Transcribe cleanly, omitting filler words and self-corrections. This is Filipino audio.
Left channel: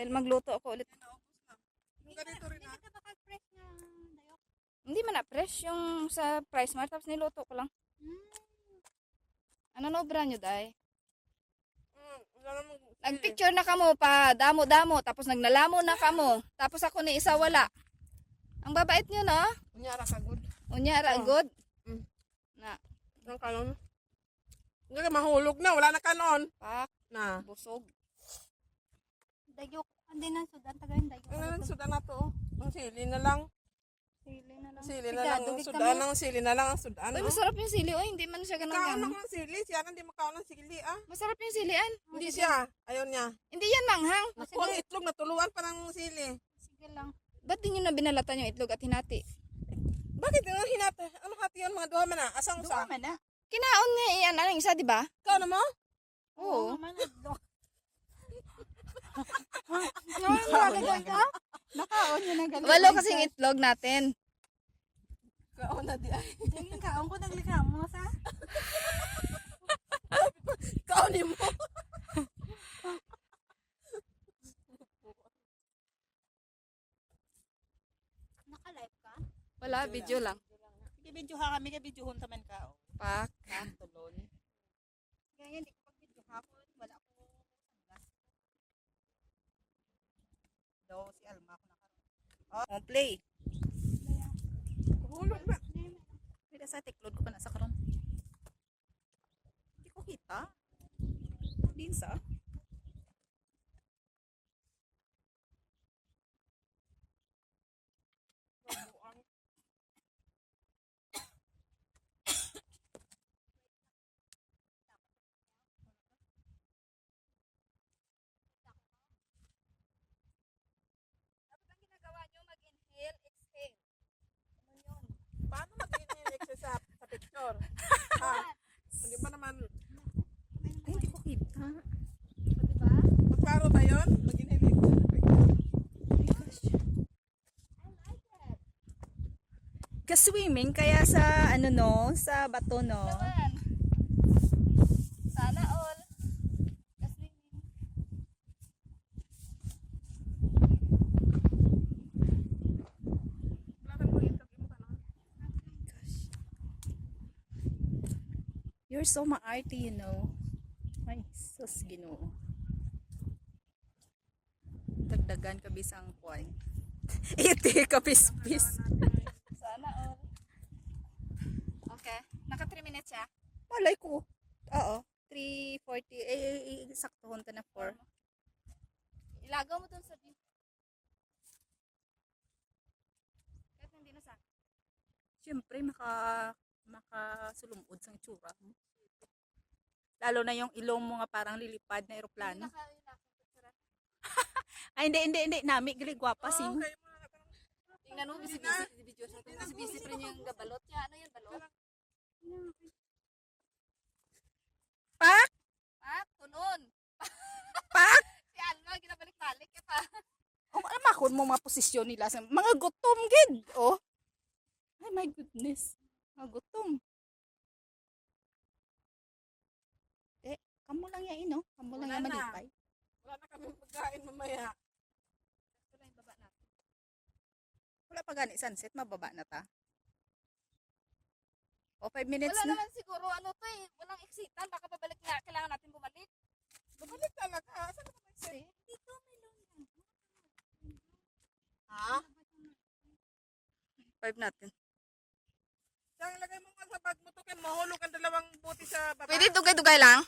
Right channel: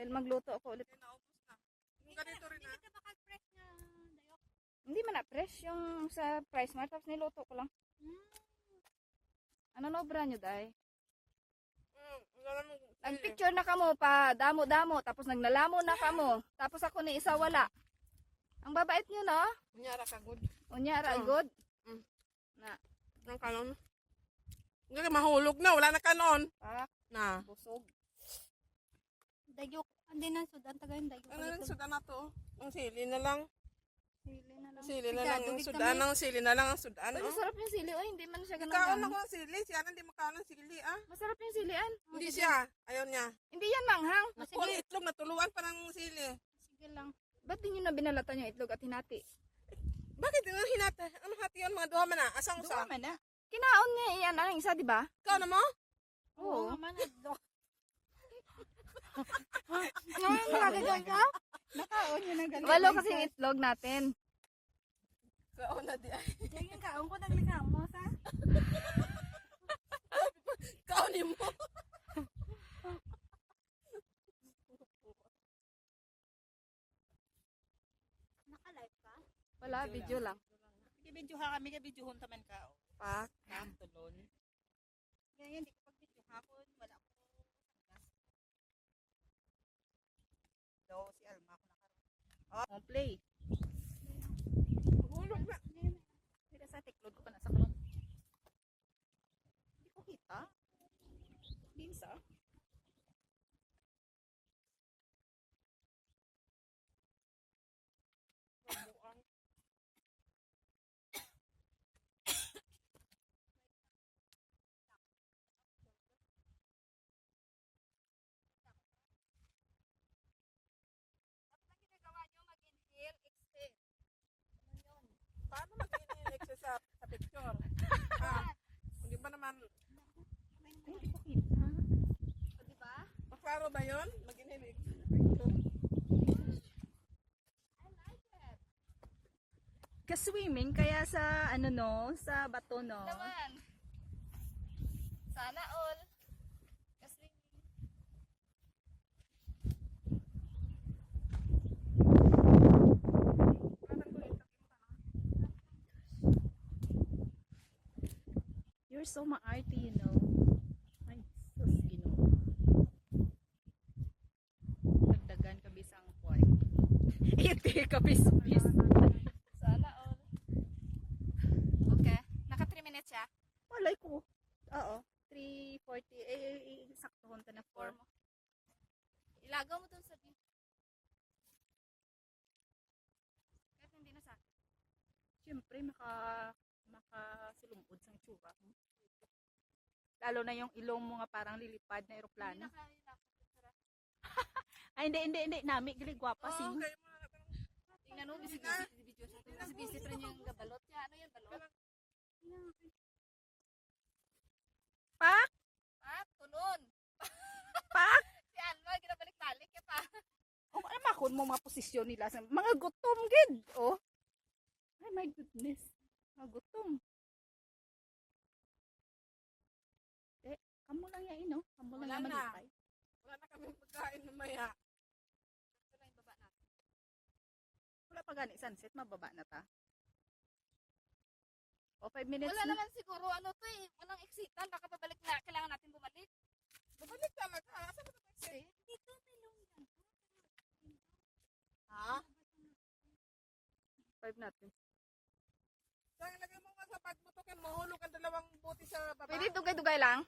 Dahil magluto ako ulit. Naubos na. Yung ganito rin ha. Hindi ka baka fresh na dayok. Hindi man na fresh yung sa Price Mart. Tapos niluto ko lang. Ano na obra nyo, day? Nagpicture na kamo pa. Damo-damo. Tapos nagnalamo na kamo. Tapos ako ni isa wala. Ang babait nyo, no? Unyara ka good. Unyara, Oh. good. Mm. Na, Ang kanon. Hindi ka mahulog na. Wala na kanon. pak, Na. busog. Dayok. Hindi nang sudan. Tagayin dayok. Ano lang sudan na to? Ang sili na lang. Ang sili na lang. Ang sudan. Ang sili na lang. Ang sudan. Uy, Oh. masarap yung sili. Uy, hindi man siya Kaon ganun-ganun. ako ng sili. Siya hindi makaon ng sili ah. Masarap yung silian. Hindi siya. Ayaw niya. Hindi yan manghang. Nakuha ang itlog na tuluan pa ng sili. Sige lang. Ba't di nyo na binalatan yung itlog at hinati? Bakit yung hinata? Ano hati yun mga duha man na? Asang sa? na. Kinaon nga yan. Ano yung isa, di ba? Ikaw na mo? Oo. Nakaon yun ang galing. Walo kasing itlog natin. Kaon na di ay. Yung kaon ko nagligam mo sa. Kaon ni mo. Naka-live ka? Wala, video lang. Sige, video ha kami kay video hunta man ka. Pak. Kaya hindi ko pag-video ka ako. Wala ako sagas. Daw si Alma ko na. Oh, play. Hulog na. Pwede sa tiklod ko pa na sa karon. Hindi ko kita. Din sa. Ginagawa nyo, mag-inhale, exhale. Paano mag-inhale exercise sa picture? Hindi pa naman. Ay, hindi ko kita. Magparo ba yun? Mag-inhale exercise. Ka-swimming kaya sa ano no, sa bato no. Naman. Sana all. You're so maarte, you know. Ay, sus, Ginoo. Dagdagan ka bisang kway. Iti ka bis-bis. Sana all. Okay. Naka 3 minutes siya. Malay ko. Oo. 3:40. Saktohon ta na 4. Ilagaw mo dun sa beef. Kahit hindi na sa Siyempre, makasulumod sang tsura mo. Lalo na yung ilong mo nga parang lilipad na eroplano. Ay, hindi. Nami, gali gwapa sing. Okay mo na. Tingnan mo, busy-busy di video siya. Busy-busy pa rin yung gabalot niya. Ano yan, balot? Pak! Pak, tunon. Pak! Si Alma, ginabalik-balik ka pa. O, alam ako mo mga posisyon nila. Mga gutom, gid. Oh. Ay, my goodness. Mga gutom. Kamo lang yan, no? Kamo lang Wala yan na. malipay. Wala na kami pagkain mamaya. Ito lang yung baba natin. Wala pa gani sunset, mababa na ta. O, 5 minutes Wala na. naman siguro, ano to eh, walang exitan. Baka pabalik na, kailangan natin bumalik. Bumalik talaga. Saan ka mag-exit? Dito may long yan. Ha? 5 natin. Saan ilagay mo nga sa bag mo to? Kaya mahulog ang dalawang buti sa baba. Pwede dugay-dugay lang?